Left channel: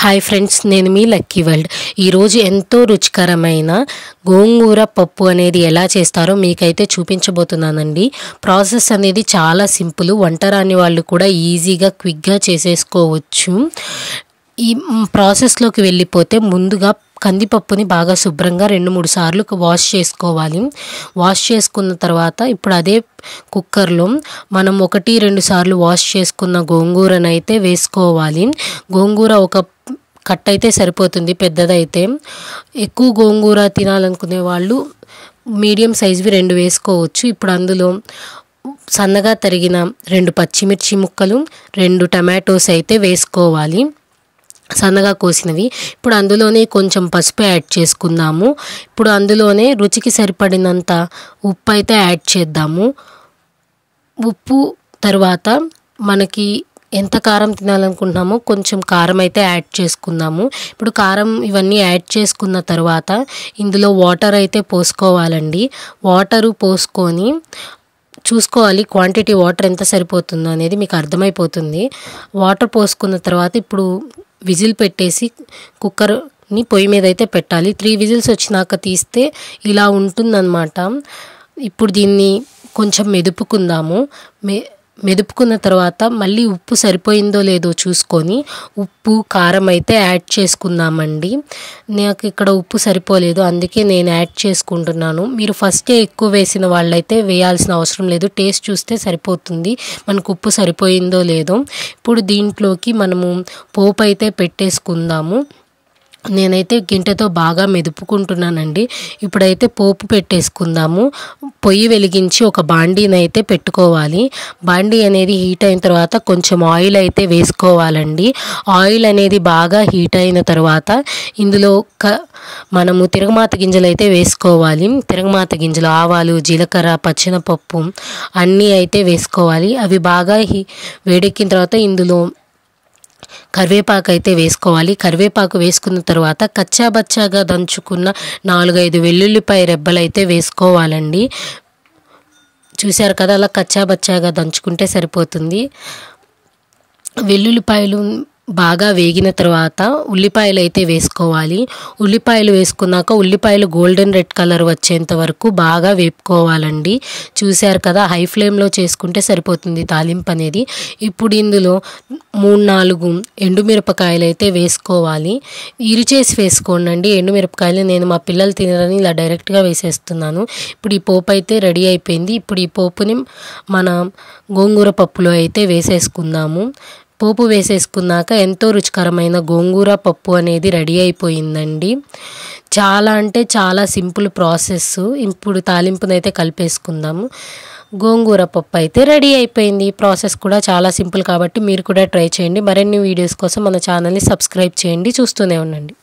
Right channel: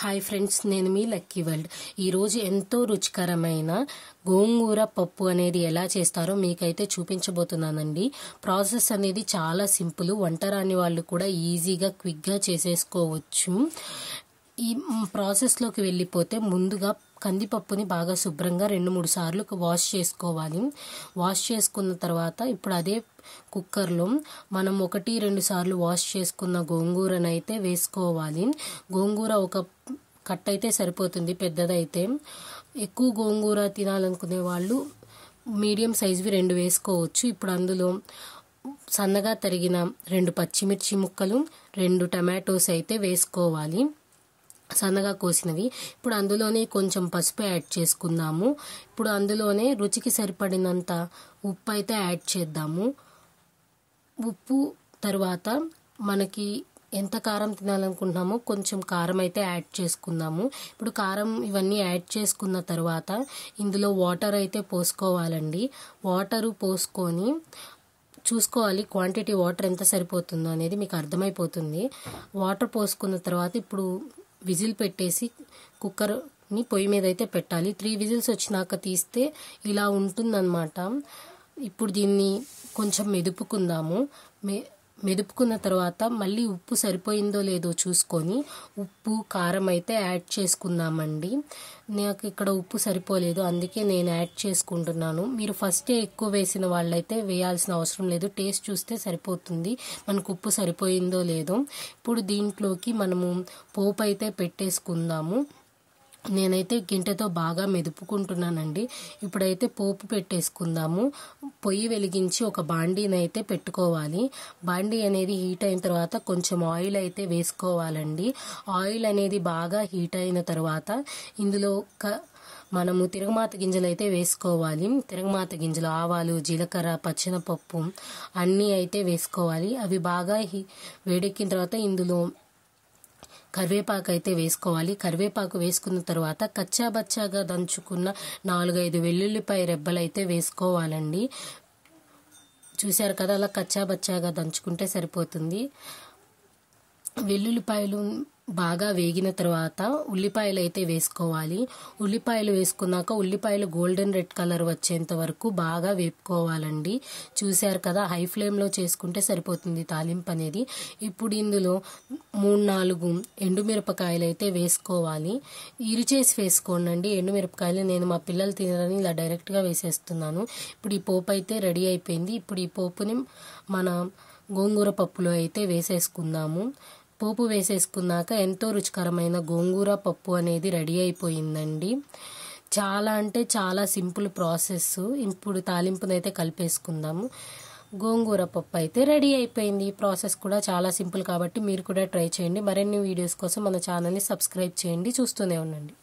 Hi friends, నేను మీ lucky world. ఈరోజు ఎంతో రుచికరమైన గోంగూర పప్పు అనేది ఎలా చేస్తారో మీకైతే చూపించబోతున్నానండి. ప్రాసెస్ అనేది చాలా సింపుల్, వంట రాని వాళ్ళు కూడా ఈజీగా క్విక్గా చేసేసుకోవచ్చు. ఈ ప్రాసెస్లోకి వెళ్ళిపోతే ముందుగా కందిపప్పుని బాగా శుభ్రంగా 2-3 సార్లు వాష్ చేసుకోవాలి. వాష్ చేసుకున్న తర్వాత ఇప్పుడు అదే కుక్కర్లో మనం 1-2 సార్లు వాష్ చేసుకున్న గోంగూరనైతే వేసుకోవాలి. గోంగూర ఒక కట్ట అయితే సరిపోతుంది, పెద్దదైతే. ఎక్కువ గోంగూర తినాలనుకునే వాళ్ళు మీడియం సైజువి 2 వేసుకోవచ్చు. ఇప్పుడు అందులో సన్నగా తరిగిన 2 పచ్చిమిర్చి ముక్కలు, 2 టమాటోస్ అయితే వేసుకోవాలి, సన్నగా కోసినవి. ఇప్పుడు అందులోనే కొంచెం పసుపు యాడ్ చేసుకుందాము. ఇప్పుడు అందులోనే రుచికి సరిపడినంత ఉప్పు అయితే యాడ్ చేద్దాము. ఉప్పు తర్వాత మనకి ఎంత కారం తినాలనుకుంటున్నామో కొంచెం కారం అయితే యాడ్ చేసుకుందాము. ఇప్పుడు కారం ఇవన్నీ యాడ్ చేసుకున్న తర్వాత ఇందులో వాటర్ అయితే పోసుకోవాలండి. వాటరు పోసుకొని చూసుకోవాలి క్వాంటిటీ వాటర్ ఎంత సరిపోతుందో అనేది మీకు అర్థమైపోతుంది. వాటర్ పోసుకున్న తర్వాత ఇప్పుడు విజిల్ పెట్టేసి కుక్కర్ని పొయ్యి మీద అయితే పెట్టాలి. 3 విజిల్స్ వచ్చినాక తీస్తే ఇలా ఉంటుందన్నమాట. ఇప్పుడు దీన్ని కొంచెం మెదుపుకుందాము. మెదుపుకున్న తర్వాత మళ్ళీ ఉప్పు సరిపోయిందో లేదో చూసుకొని ఉప్పు కారం అయితే యాడ్ చేసుకుందామండి. నాకు ఇక్కడ ఉప్పు సరిపోలేదు, అందుకే నేను యాడ్ చేసుకుంటున్నాను. మీరు ఫస్టే ఎక్కువ వేసిన వాళ్ళైతే వేయాల్సిన అవసరం లేదు, టేస్ట్ చూస్తే సరిపోతుంది మనకు ఉప్పు సరిపోయిందో లేదో. ఇప్పుడు దీంట్లోకి మనము పోపు అయితే పెట్టేసుకుందాము. నేనైతే గింటెతో బాగా మెదుపుకుంటున్నానండి. ఇప్పుడైతే పోపు పెట్టేసుకుందాము. పొయ్యి వెలిగించి ఒక బాండీని అయితే పెట్టుకోవాలి. బాండీ అనేది హీట్ అయిన తర్వాత కొంచెం ఆయిల్ అయితే వేసుకోవాలండి. ఆయిల్ అనేది బాగా హీట్ అయిన తర్వాత ఇందులో మనము తిరగమాత గింజలు అయితే వేసుకోవాలి. తిరగమాత గింజలు, ఆవాలు, జీలకర్ర, పచ్చెనపప్పు అన్నీ అయితే వేసుకోవాలి. అవి బాగా వేడెక్కిన తర్వాత ఇందులో కరివేపాకు అయితే వేసుకోవాలి. కరివేపాకు వేసుకున్న తర్వాత కచ్చాబచ్చాగా దంచుకున్న 4-5 వెల్లుల్లిపాయ రెబ్బలు అయితే వేసుకోవాలండి. చూశారు కదా, అలా కచ్చాబచ్చాగా దంచుకుంటే సరిపోతుంది. వెల్లుల్లిపాయలు బాగా వేగిన తర్వాత ఉల్లిపాయలు అయితే వేసుకోవాలి. ఉల్లిపాయలు వేసుకున్నాక ఉల్లిపాయలు గోల్డెన్ రెడ్ కలర్ వచ్చేంత వరకు బాగా వేపుకోవాలండి. చూశారు కదా, హై ఫ్లేమ్లో చేసుకుంటే సరిపోతుంది తాలింపు అనేది. ఇప్పుడు ఇందులో 3-4 ఎండుమిరపకాయలు అయితే వేసుకోవాలి. ఇరిచేసి వేసుకోండి ఎండుమిరపకాయలు. నేను మా పిల్లలు తినరని ఇలా డైరెక్ట్గా వేసేస్తున్నాను. ఇప్పుడు ఈ పోపు అయితే రెడీ అయిపోయింది. ఇప్పుడు ఈ పోపుని మన గోంగూర పప్పులో అయితే వేసేసుకుందాము. పోపు వేసేసుకున్నాక ఎంతో రుచికరమైన గోంగూర పప్పు అనేది రెడీ అయిపోయిందండి. చాలా అంటే చాలా సింపుల్ ప్రాసెస్. ఇప్పుడు తాలింపునైతే కలిపేసుకుందాము. గోంగూర పప్పు అయితే రెడీ అయిపోయింది. ప్రాసెస్ కూడా చాలా సింపుల్ కాబట్టి మీరు కూడా ట్రై చేయండి. మరిన్ని వీడియోస్ కోసం మన ఛానల్ని సబ్స్క్రైబ్ చేయండి, చూస్తూనే ఉండండి.